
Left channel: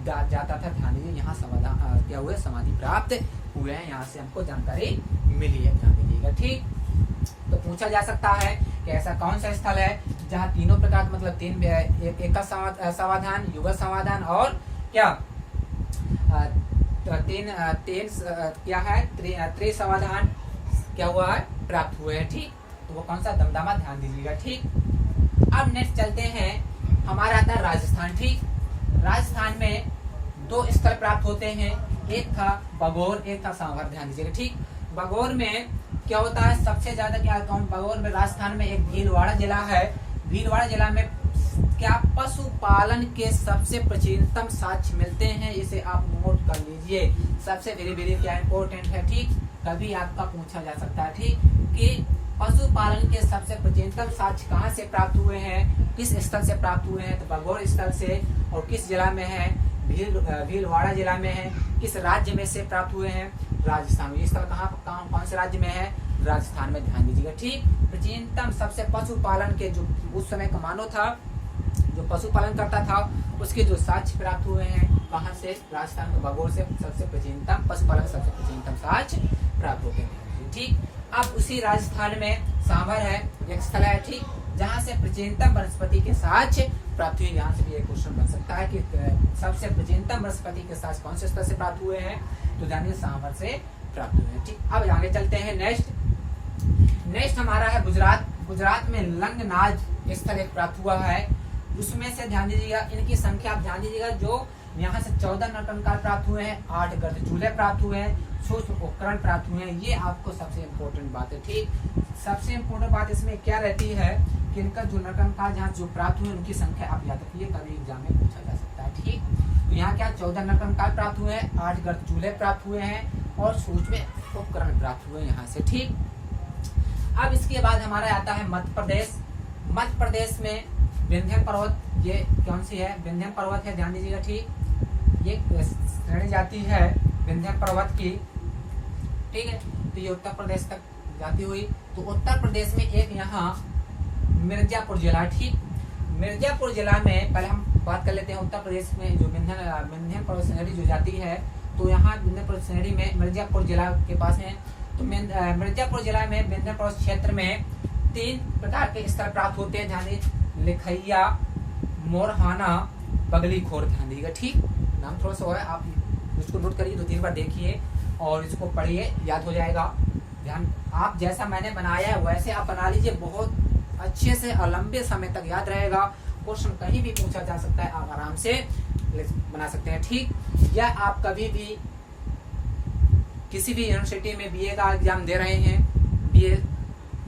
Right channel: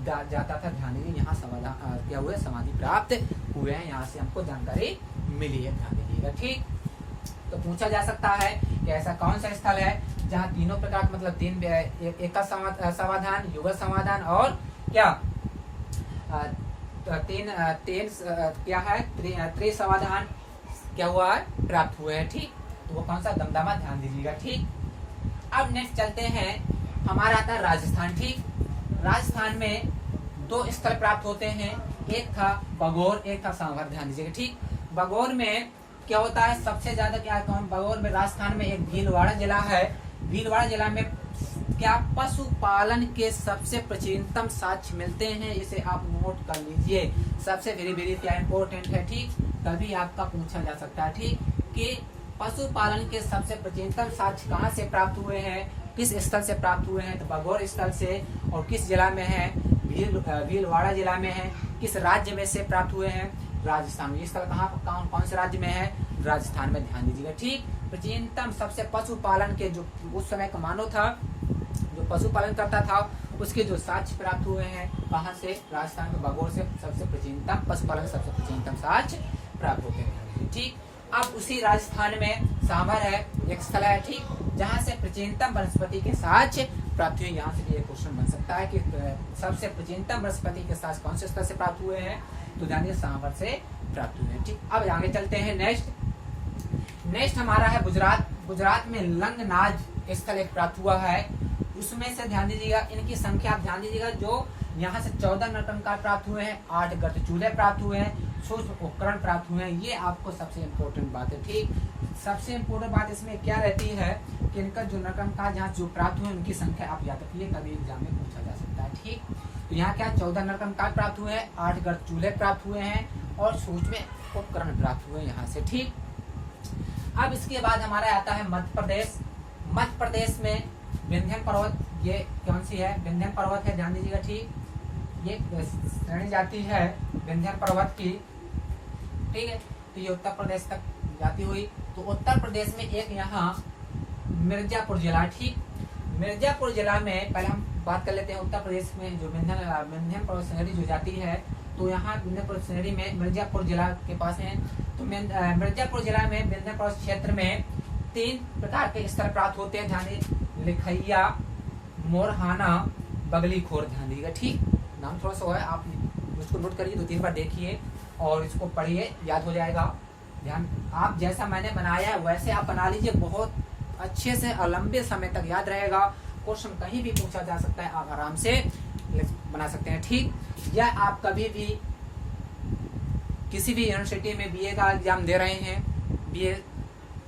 जाता था। ध्यान दीजिए, यहाँ समाधान क्या हुए, समाधि प्राप्त हुए हैं, यहाँ से हमको जानकारी मिली है। ध्यान दीजिएगा, ठीक। तो पूछा जा सकता है कि ऐसा कौन सा स्थल है जहाँ तीनों प्रकार मतलब 3 एक समाधान, युगल समाधान और क्या 3 क्या है, त्रिसमाधान क्या हुआ है, प्राप्त हुए हैं, ठीक। तो वो कौन सा, दमदमा। ध्यान दीजिएगा, ठीक। अब नेक्स्ट चलते हैं, हमारा आता है राजस्थान, ठीक। राजस्थान में 2 स्थल प्राप्त होते हैं, एक था बगौर, एक था सांभर। ध्यान दीजिएगा, ठीक। बगौर में क्या होता है, सबसे ज्यादा क्या आता है, बगौर में राजस्थान में एक भीलवाड़ा जिला है। भीलवाड़ा जिला में क्या पशुपालन के सबसे प्राचीनतम साक्ष्य मिलते हैं, इसे आप नोट कर लीजिए, सबसे वेरी वेरी क्या इम्पोर्टेंट है, ठीक। कभी आपका पूछा जा सकता है, ठीक, कि पशुपालन के सबसे प्राचीनतम साक्ष्य कहाँ से प्राप्त हुए हैं, किस स्थल से प्राप्त हुए हैं, तो बगौर स्थल से, और किस जिला में है, भीलवाड़ा जिला में है। किस राज्य में से प्राप्त हुए हैं, राजस्थान में। स्थल कौन से राज्य में है, राजस्थान में। ध्यान दीजिएगा, ठीक। प्राचीनतम सबसे पशुपालन के जो उस समय का मानव था जो पशुपालन करता था उसके जो साक्ष्य प्राप्त हुए हैं कहाँ से, राजस्थान के बगौर से सबसे प्राचीनतम पशुपालन सबसे प्राचीनतम साक्ष्य प्राप्त होते हैं, ठीक। अब उसी राजस्थान में सांभर है, एक स्थल है, ठीक, जहाँ से प्राचीनतम वनस्पति के साक्ष्य प्राप्त हुए। यहाँ से भी एक क्वेश्चन बन सकता है कि सबसे प्राचीनतम वनस्पति के साक्ष्य कौन से स्थल से प्राप्त हुए हैं, तो जानिए सांभर से प्राप्त हुए हैं, ठीक। अब आगे चलते हैं, नेक्स्ट हमारा है गुजरात। गुजरात में लंगनाज स्थल एक प्राप्त हुआ है, उसमें से ध्यान दीजिएगा, इनकी संख्या आप ध्यान दीजिएगा, जो यहाँ से 14 नर कंकाल प्राप्त हुए हैं, 8 गर्द चूल्हे प्राप्त हुए हैं, सूक्ष्म उपकरण प्राप्त हुए हैं। ये आपको सबसे इम्पोर्टेंट बात है, ठीक। सबसे इम्पोर्टेंट बात इसमें क्या रहती है कि इनका जो नर कंकाल जहाँ जो प्राप्त हुए उनकी संख्या आप याद रखिए, कभी एग्जाम में पूछा जा सकता है, ठीक। तो यहाँ क्या 14 नर कंकाल प्राप्त हुए हैं, 8 गर्द चूल्हे प्राप्त हुए हैं, और सूक्ष्म उपकरण प्राप्त हुए यहाँ से, ठीक। अब इसके बाद हमारा आता है मध्य प्रदेश। मध्य प्रदेश में विंध्य पर्वत, ये कौन सी है, विंध्य पर्वत है, ध्यान दीजिएगा, ठीक। ये श्रेणी जाती है विंध्य पर्वत की, ठीक है। तो ये उत्तर प्रदेश तक जाती हुई, तो उत्तर प्रदेश में एक यहाँ मिर्जापुर जिला, ठीक। मिर्जापुर जिला में पहले हम बात कर लेते हैं, उत्तर प्रदेश में जो विंध्य पर्वत श्रेणी जो जाती है, तो यहाँ विंध्य पर्वत श्रेणी में मिर्जापुर जिला के पास है। तो मिर्जापुर जिला में विंध्य पर्वत क्षेत्र में तीन प्रकार के स्थल प्राप्त होते हैं, ध्यान दीजिए, लिखैया, मोरहाना, बगली खोर, ध्यान दीजिएगा। ठीक, नाम थोड़ा सा है, आप उसको नोट करिए, 2-3 बार देखिए और इसको पढ़िए, याद हो जाएगा। ध्यान, आप जैसा मैंने बनाया है वैसे आप बना लीजिए, बहुत अच्छे से और लंबे समय तक याद रहेगा। क्वेश्चन कहीं भी पूछा जा सकता है, आप आराम से बना सकते हैं। ठीक, या आप कभी भी किसी भी यूनिवर्सिटी में बीए का एग्जाम दे रहे हैं, बीए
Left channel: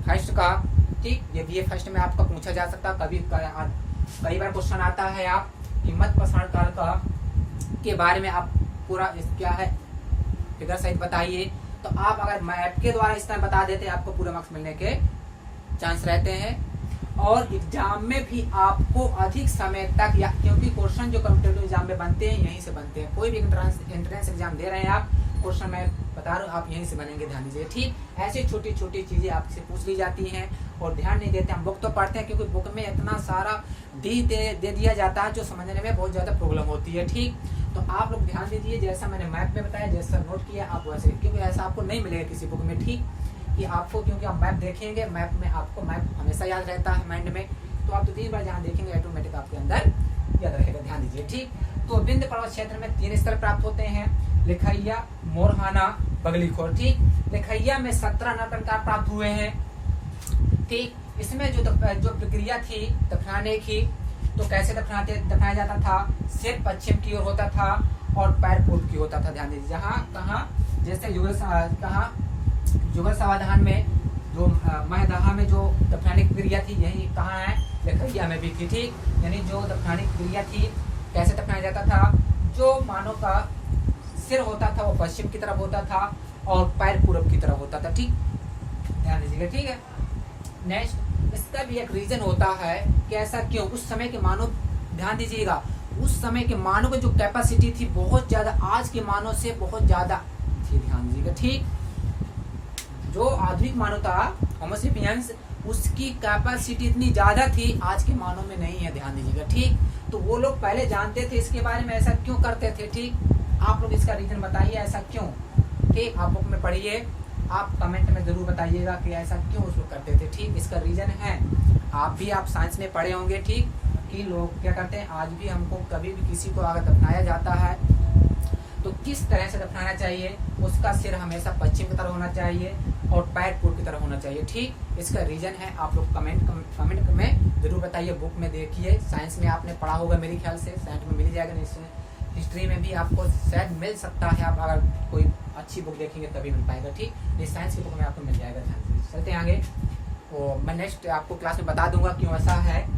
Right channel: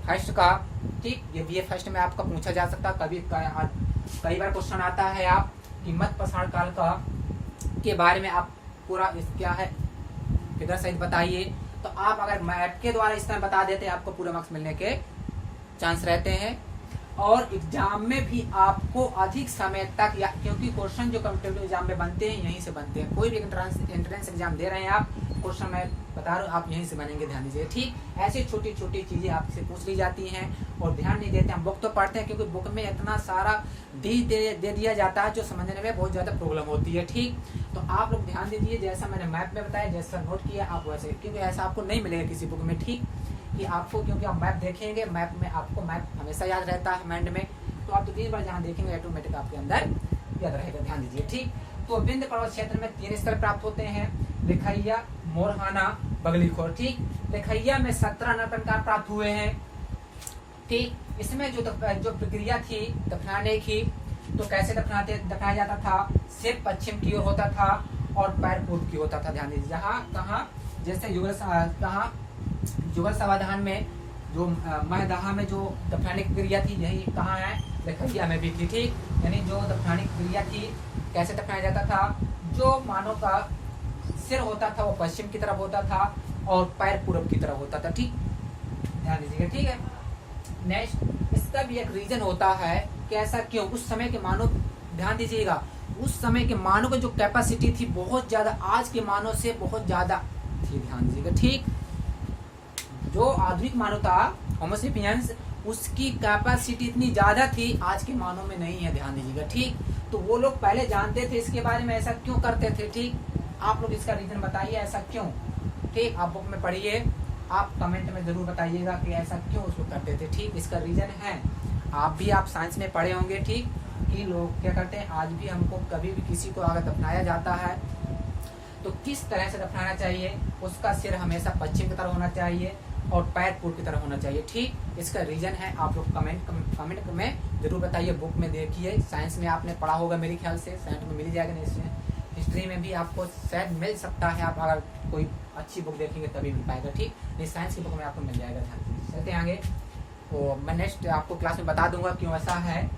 फर्स्ट का, ठीक, ये बीए फर्स्ट में आपका पूछा जा सकता है। कई बार क्वेश्चन आता है आप कि मध्य पाषाण काल का के बारे में आप पूरा क्या है फिगर सहित बताइए, तो आप अगर मैप के द्वारा इस तरह बता देते हैं, आपको पूरा मार्क्स मिलने के चांस रहते हैं। और एग्जाम में भी आपको अधिक समय तक, या क्योंकि क्वेश्चन जो कॉम्पिटेटिव एग्जाम में बनते हैं यहीं से बनते हैं, कोई भी एंट्रेंस एग्जाम दे रहे हैं आप, क्वेश्चन मैं बता रहा हूँ आप यहीं से बनेंगे, ध्यान दीजिए। ठीक, ऐसी छोटी छोटी चीजें आपसे पूछ ली जाती हैं और ध्यान नहीं देते। हम बुक तो पढ़ते हैं, क्योंकि बुक में इतना सारा दे दिया जाता है जो समझने में बहुत ज्यादा प्रॉब्लम होती है। ठीक, तो आप लोग ध्यान दीजिए, जैसा मैंने मैप में बताया, जैसा नोट किया आप वैसे, क्योंकि ऐसा आपको नहीं मिलेगा किसी बुक में। ठीक, कि आपको, क्योंकि आप मैप देखेंगे, मैप में आपको मैप हमेशा याद रहता है माइंड में, तो आप 2-3 बार जहाँ देखेंगे ऑटोमेटिक आपके अंदर याद रहेगा, ध्यान दीजिए। ठीक, तो विंध्य पर्वत क्षेत्र में 3 स्थल प्राप्त होते हैं, लिखैया, मोरहाना, बगली खोर। ठीक, लिखैया में 17 नरकंकाल प्राप्त हुए हैं। ठीक, इसमें जो प्रक्रिया थी दफनाने की, तो कैसे दफनाया जाता था, सिर पश्चिम की ओर होता था और पैर पूर्व की होता था, ध्यान दीजिए। जहाँ कहाँ, जैसे युगल समाधान में जो महदाहा में जो दफनाने की क्रिया थी, यही कहाँ है, लिखैया में भी थी। ठीक, यानी जो दफनाने की क्रिया थी, कैसे दफनाया जाता था, जो मानव का सिर होता था वो पश्चिम की तरफ होता था और पैर पूर्व की तरफ होता था। ठीक, ध्यान दीजिएगा। ठीक है, नेक्स्ट, इसका भी एक रीजन होता है कि ऐसा क्यों, उस समय के मानव, ध्यान दीजिएगा, उस समय के मानव की जो कैपेसिटी थी बहुत ज्यादा आज के मानव से बहुत ज्यादा थी, ध्यान दीजिएगा। ठीक, जो आधुनिक मानव था होमो सेपियंस, उसकी कैपेसिटी इतनी ज्यादा थी, आज के मानव में नहीं है, ध्यान दीजिएगा। ठीक, तो वो लोग पहले जानते थे इसके बारे में, ऐसा क्यों करते थे। ठीक, आप लोग इसका रीजन बताइए, ऐसा क्यों। ठीक, आप बुक में पढ़िए, आप कमेंट में जरूर बताइएगा कि ऐसा क्यों उस लोग करते थे। ठीक, इसका रीजन है, आप साइंस में पढ़े होंगे। ठीक, कि लोग क्या करते हैं, आज भी हमको कभी भी किसी को अगर दफनाया जाता है तो किस तरह से दफनाना चाहिए, उसका सिर हमेशा पश्चिम की तरफ होना चाहिए और पैर पूर्व की तरफ होना चाहिए। ठीक, इसका रीजन है, आप लोग कमेंट में जरूर बताइए। बुक में देखिए, साइंस में आपने पढ़ा होगा मेरे ख्याल से, साइंस में मिल जाएगा, हिस्ट्री में भी आपको शायद मिल सकता है, आप अगर कोई अच्छी बुक देखेंगे तभी मिल पाएगा। ठीक, ये साइंस की बुक में आपको मिल जाएगा। चलते हैं आगे, तो मैं नेक्स्ट आपको क्लास में बता दूंगा क्यों ऐसा है,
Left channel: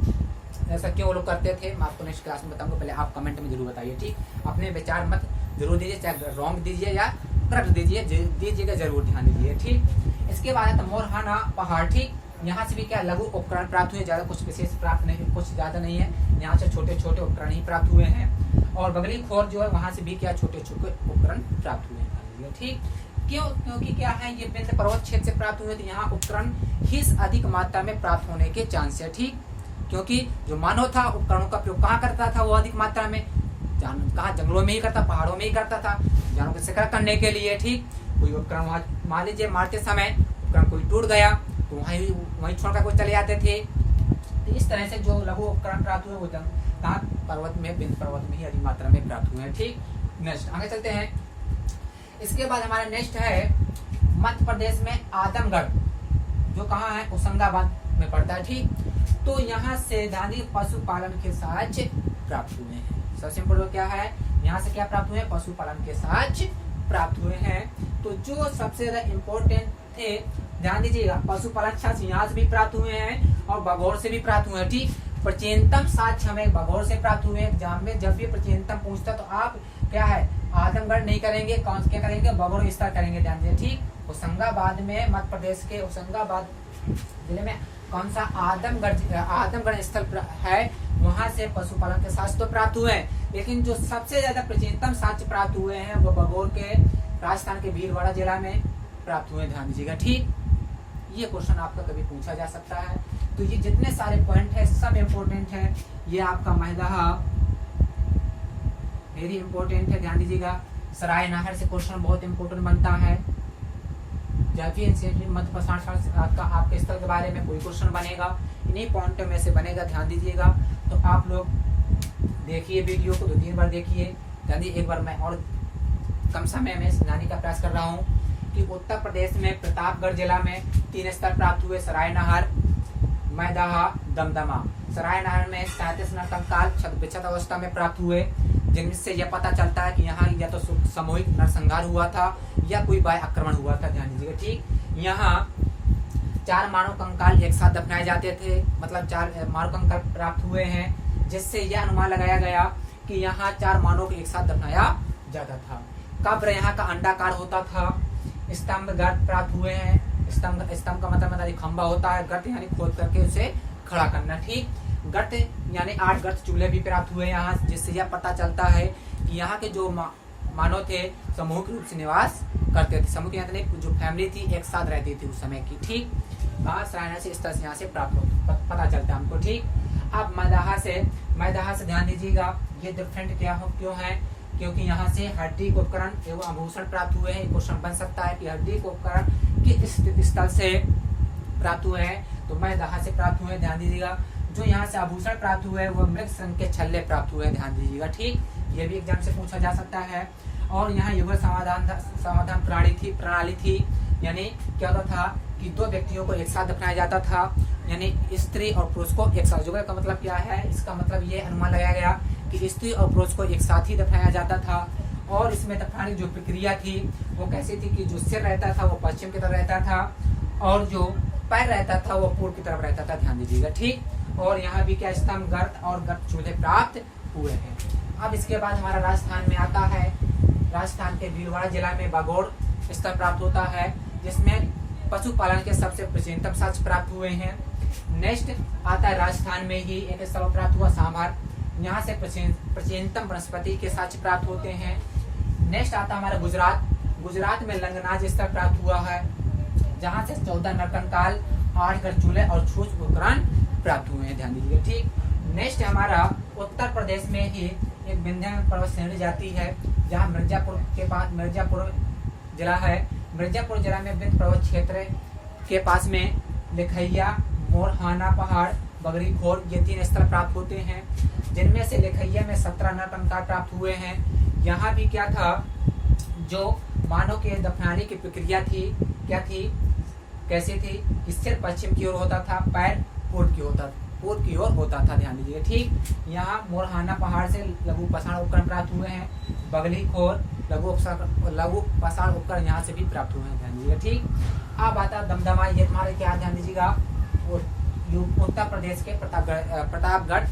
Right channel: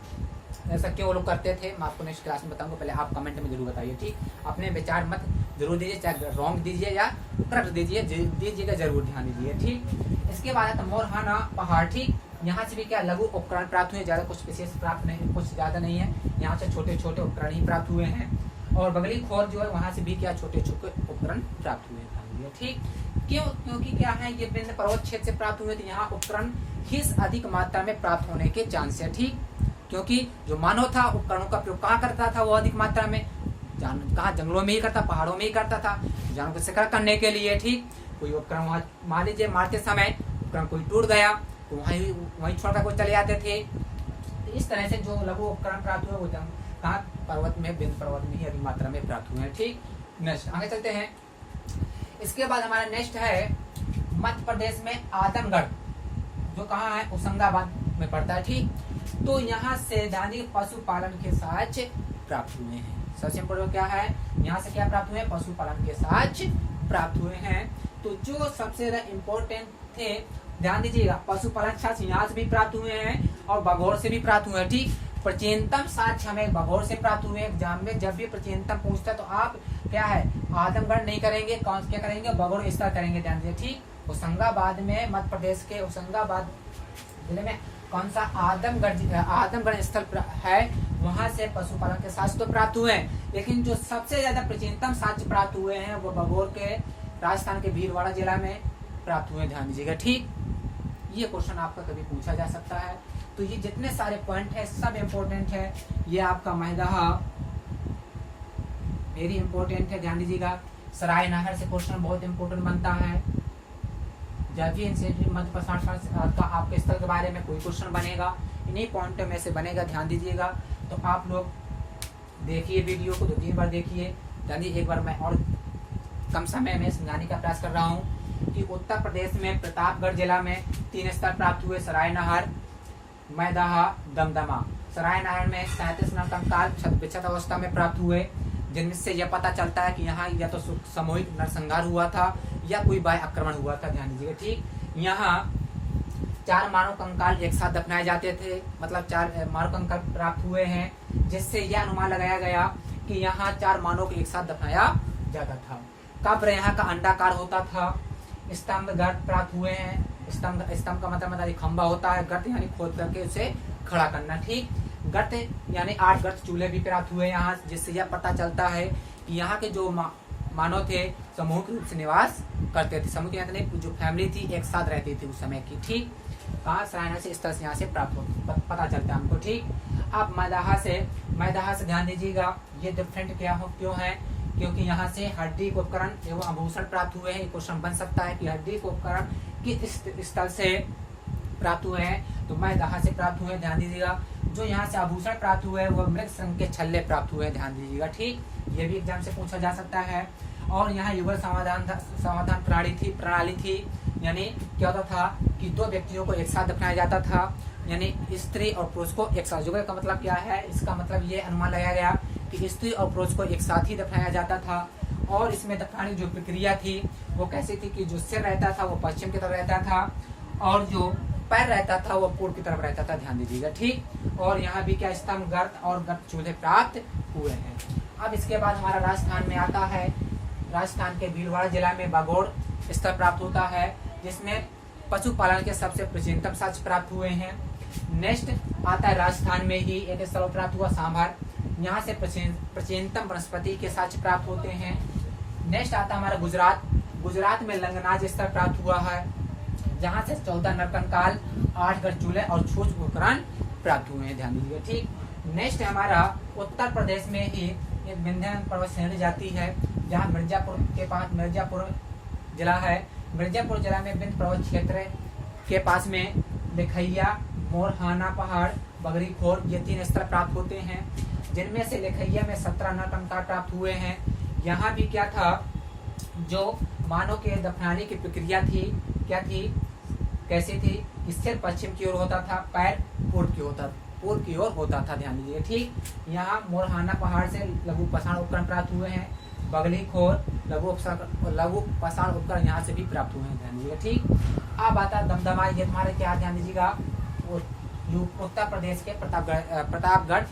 ऐसा क्यों वो लोग करते थे, मैं आपको नेक्स्ट क्लास में बताऊंगा। पहले आप कमेंट में जरूर बताइए। ठीक, अपने विचार मत जरूर दीजिए, चाहे रॉन्ग दीजिए या करेक्ट दीजिएगा जरूर, ध्यान दीजिए। ठीक, इसके बाद है तो मोरहाना पहाड़। ठीक, यहाँ से भी क्या लघु उपकरण प्राप्त हुए, ज्यादा कुछ विशेष प्राप्त नहीं, कुछ ज्यादा नहीं है, यहाँ से छोटे छोटे उपकरण ही प्राप्त हुए हैं। और बगली खोर जो है वहां से भी क्या छोटे छोटे उपकरण प्राप्त हुए हैं। ठीक, क्यों, क्योंकि क्या है, ये विंध्य पर्वत क्षेत्र से प्राप्त हुए, तो यहाँ उपकरण ही अधिक मात्रा में प्राप्त होने के चांस है। ठीक, क्योंकि जो मानव था उपकरणों का प्रयोग कहाँ करता था, वो अधिक मात्रा में कहाँ, जंगलों में ही करता, पहाड़ों में ही करता था, जानवरों को शिकार करने के लिए। ठीक, कोई उपकरण वहां मान लीजिए मारते समय उपकरण कोई टूट गया तो वहीं छोड़कर कोई चले जाते थे। तो इस तरह से जो लघु उपकरण प्राप्त हुए वो कहाँ, पर्वत में, विंध्य पर्वत में ही अधिक मात्रा में प्राप्त हुए हैं। ठीक, नेक्स्ट आगे चलते हैं। इसके बाद हमारा नेक्स्ट है मध्य प्रदेश में आदमगढ़, जो कहाँ है, होशंगाबाद में पड़ता है। ठीक, तो यहाँ से धानी पशुपालन के साथ प्राप्त हुए हैं। सबसे इम्पोर्टेंट क्या है, यहाँ से क्या प्राप्त हुए हैं, पशुपालन के साथ प्राप्त हुए हैं। तो जो सबसे ज्यादा इम्पोर्टेंट थे, ध्यान दीजिएगा, पशुपालन साक्ष्य यहाँ से भी प्राप्त हुए हैं और बघौर से भी प्राप्त हुए हैं। ठीक, प्राचीनतम साक्ष्य हमें बघौर से प्राप्त हुए हैं। एग्जाम में जब भी प्राचीनतम पूछता तो आप क्या है, आदमगढ़ नहीं करेंगे, कौन क्या करेंगे, बघौर विस्तार करेंगे, ध्यान दीजिए। ठीक, होशंगाबाद में, मध्य प्रदेश के होशंगाबाद जिले में कौन सा आदमगढ़ स्थल है, वहां से पशुपालन के साक्ष्य तो प्राप्त हुए हैं, लेकिन जो सबसे ज्यादा प्राचीनतम साक्ष्य प्राप्त हुए हैं वो बघौर के राजस्थान के भीलवाड़ा जिला में प्राप्त हुए, ध्यान दीजिएगा। ठीक, ये क्वेश्चन आपका कभी पूछा जा सकता है। तो ये जितने सारे पॉइंट है सब इम्पोर्टेंट है। ये आपका महदाहा वेरी इंपॉर्टेंट है, ध्यान दीजिएगा। सराय नाहर से क्वेश्चन बहुत इंपॉर्टेंट बनता है, जब भी एनसीईआरटी मध्य प्रसारण का आपके स्थल के बारे में कोई क्वेश्चन बनेगा, इन्हीं पॉइंट में से बनेगा, ध्यान दीजिएगा। तो आप लोग देखिए वीडियो को 2-3 बार देखिए। यानी एक बार मैं और कम समय में समझाने का प्रयास कर रहा हूँ कि उत्तर प्रदेश में प्रतापगढ़ जिला में 3 स्थल प्राप्त हुए, सरायनहर, मैदाहा, दमदमा। सरायनहर में 37 नरकंकाल क्षत अवस्था में प्राप्त हुए, जिनसे यह पता चलता है कि यहाँ या तो सामूहिक नरसंहार हुआ था या कोई बाह्य आक्रमण हुआ था। ध्यान दीजिएगा, ठीक। यहाँ 4 मानव कंकाल एक साथ दफनाए जाते थे, मतलब 4 मानव कंकाल प्राप्त हुए हैं, जिससे यह अनुमान लगाया गया कि यहाँ 4 मानव को एक साथ दफनाया जाता था। कब्र यहाँ का अंडाकार होता था। स्तंभ गर्त प्राप्त हुए हैं। स्तंभ का मतलब खंबा होता है, गर्त यानी खोद करके उसे खड़ा करना, ठीक। गर्त यानी 8 गर्त चूल्हे भी प्राप्त हुए यहाँ, जिससे यह पता चलता है कि यहाँ के जो मानव थे सामूहिक रूप से निवास करते थे। सामूहिक यानी जो फैमिली थी एक साथ रहती थी उस समय की, ठीक। सरायनहर से स्थल यहाँ से प्राप्त पता चलता है हमको, ठीक। अब मैदाहा से ध्यान दीजिएगा, ये डिफरेंट क्यों है, क्योंकि यहाँ से हड्डी को उपकरण एवं आभूषण प्राप्त हुए हैं। क्वेश्चन बन सकता है कि हड्डी को उपकरण किस स्थल से प्राप्त हुए हैं, तो मैदाहा से प्राप्त हुए। ध्यान दीजिएगा, जो यहाँ से आभूषण प्राप्त हुए हैं वो मृग संघ के छल्ले प्राप्त हुए हैं। ध्यान दीजिएगा, ठीक। ये भी एग्जाम से पूछा जा सकता है। और यहाँ युगल समाधान प्रणाली थी, यानी क्या होता था कि 2 व्यक्तियों को एक साथ दफनाया जाता था, यानी स्त्री और पुरुष को एक साथ। युगल का मतलब क्या है, इसका मतलब ये अनुमान लगाया गया कि स्त्री और पुरुष को एक साथ ही दफनाया जाता था। और इसमें दफनाने की जो प्रक्रिया थी वो कैसी थी कि जो सिर रहता था वो पश्चिम की तरफ रहता था और जो पैर रहता था वो पूर्व की तरफ रहता था। ध्यान दीजिएगा, ठीक। और यहाँ भी क्या स्तंभ गर्त और गर्त चूल्हे प्राप्त हुए हैं। अब इसके बाद हमारा राजस्थान में आता है। राजस्थान के भीलवाड़ा जिला में बागोड़ स्थल प्राप्त होता है, जिसमें पशुपालन के सबसे प्राचीनतम साक्ष्य प्राप्त हुए हैं। नेक्स्ट आता है राजस्थान में ही एक स्थल प्राप्त हुआ सांभर, यहाँ से प्राचीनतम वनस्पति के साक्ष्य प्राप्त होते हैं। नेक्स्ट आता है हमारा गुजरात में लंगनाज स्थल प्राप्त हुआ है, जहाँ से 14 नरकंकाल, 8 गर्त चूल्हे और छोट उपकरण प्राप्त हुए हैं। ध्यान दीजिएगा, ठीक। नेक्स्ट हमारा उत्तर प्रदेश में ही एक विंध्य पर्वत श्रेणी जाती है, जहाँ मिर्जापुर के पास मिर्जापुर जिला है। मिर्जापुर जिला में विंध्य पर्वत क्षेत्र के पास में लिखैया, मोरहाना पहाड़, बगरी खोर, ये 3 स्थल प्राप्त होते हैं, जिनमें से लिखैया में 17 नरकंकाल प्राप्त हुए हैं। यहाँ भी क्या था, जो मानव के दफनाने की प्रक्रिया थी क्या थी, कैसे थी, सिर पश्चिम की ओर होता था, पैर पूर्व की ओर होता था। ध्यान दीजिए, ठीक। यहाँ मोरहाना पहाड़ से लघु पाषाण उपकरण प्राप्त हुए हैं। बगली खोर लघु पाषाण उपकरण यहाँ से भी प्राप्त हुए हैं। ध्यान दीजिएगा, ठीक। अब आता दमदमा, ये तुम्हारे क्या, ध्यान दीजिएगा, उत्तर प्रदेश के प्रतापगढ़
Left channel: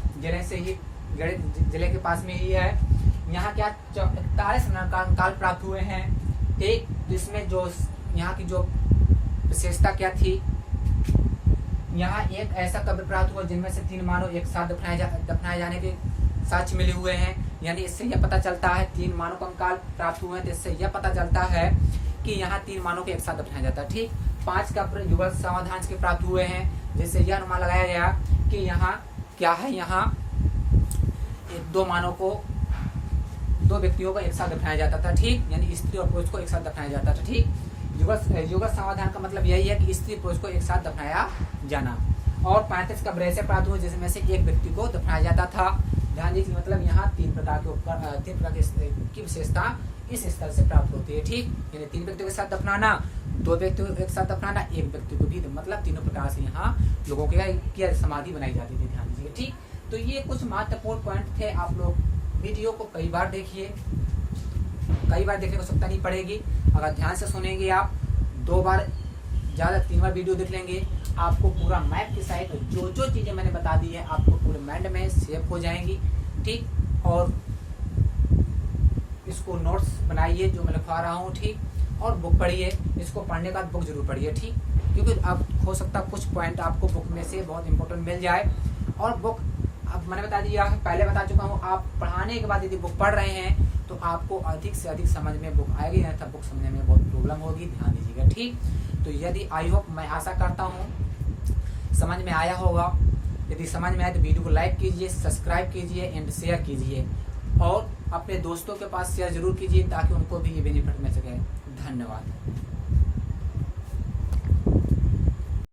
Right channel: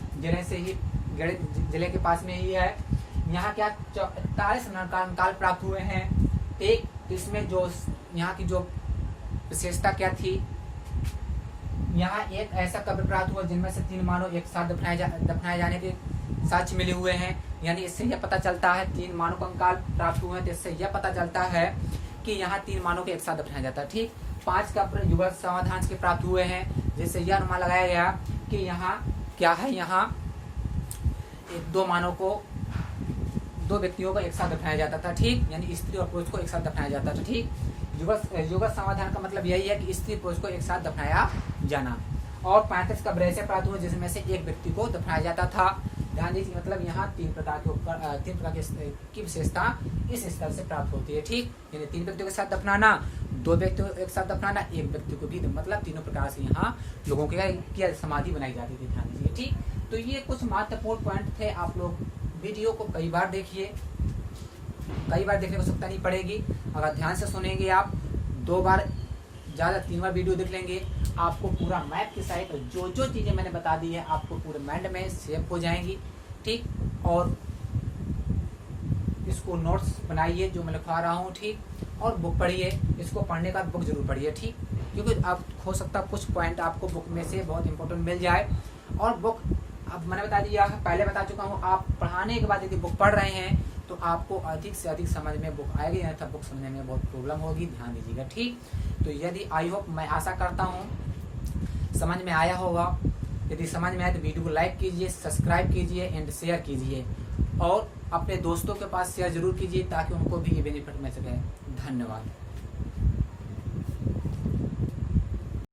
जिले के पास में ही है। यहाँ क्या 41 नरकंकाल प्राप्त हुए हैं, ठीक। इसमें जो यहाँ की जो विशेषता क्या थी, यहाँ एक ऐसा कब्र प्राप्त हुआ जिनमें से 3 मानव एक साथ दफनाए जाने के साक्ष्य मिले हुए हैं। यानी इससे यह पता चलता है 3 मानव कंकाल प्राप्त हुए हैं, तो इससे यह पता चलता है कि यहाँ 3 मानव को एक साथ दफनाया जाता है, ठीक। 5 कब्र युगल समाधान के प्राप्त हुए हैं, जिससे यह अनुमान लगाया गया कि यहाँ क्या है, यहाँ 2 व्यक्तियों को एक साथ दफनाया जाता था, ठीक। यानी स्त्री और पुरुष को एक साथ दफनाया जाता था, ठीक। युगल समाधान का मतलब यही है कि स्त्री पुरुष को एक साथ दफनाया जाना। और 35 कब्र ऐसे प्राप्त हुए जिसमें से 1 व्यक्ति को दफनाया जाता था। ध्यान दीजिए, मतलब यहाँ 3 प्रकार की विशेषता इस स्थल से प्राप्त होती है, ठीक। यानी 3 व्यक्तियों के साथ दफनाना, 2 व्यक्तियों को एक साथ दफनाना, 1 व्यक्ति को भी, मतलब तीनों प्रकार से यहाँ लोगों की समाधि बनाई जाती थी। ध्यान दीजिए, ठीक। तो ये कुछ महत्वपूर्ण पॉइंट थे। आप लोग वीडियो को कई बार देखिए, कई बार देखने को आवश्यकता नहीं पड़ेगी। अगर ध्यान से सुनेंगे आप 2 बार, ज्यादा 3 बार वीडियो देख लेंगे, आपको पूरा मैप की साइड जो चीजें मैंने बता दी है आपको पूरे माइंड में सेव हो जाएंगी, ठीक। और इसको नोट्स बनाइए जो मैं लिखवा रहा हूँ, ठीक। और बुक पढ़िए, इसको पढ़ने का बुक जरूर पढ़िए, ठीक। क्योंकि अब हो सकता है कुछ पॉइंट आपको बुक में से बहुत इंपॉर्टेंट मिल जाए। और बुक अब मैंने बता दिया है, पहले बता चुका हूँ, आप पढ़ाने के बाद यदि बुक पढ़ रहे हैं तो आपको अधिक से अधिक समझ में बुक आएगी, नहीं तो बुक समझने में बहुत प्रॉब्लम होगी। ध्यान दीजिएगा, ठीक। तो यदि आई होप, मैं आशा करता हूँ समझ में आया होगा। यदि समझ में आए तो वीडियो को लाइक कीजिए, सब्सक्राइब कीजिए एंड शेयर कीजिए, और अपने दोस्तों के पास शेयर जरूर कीजिए ताकि उनको भी ये बेनिफिट मिल सके। धन्यवाद।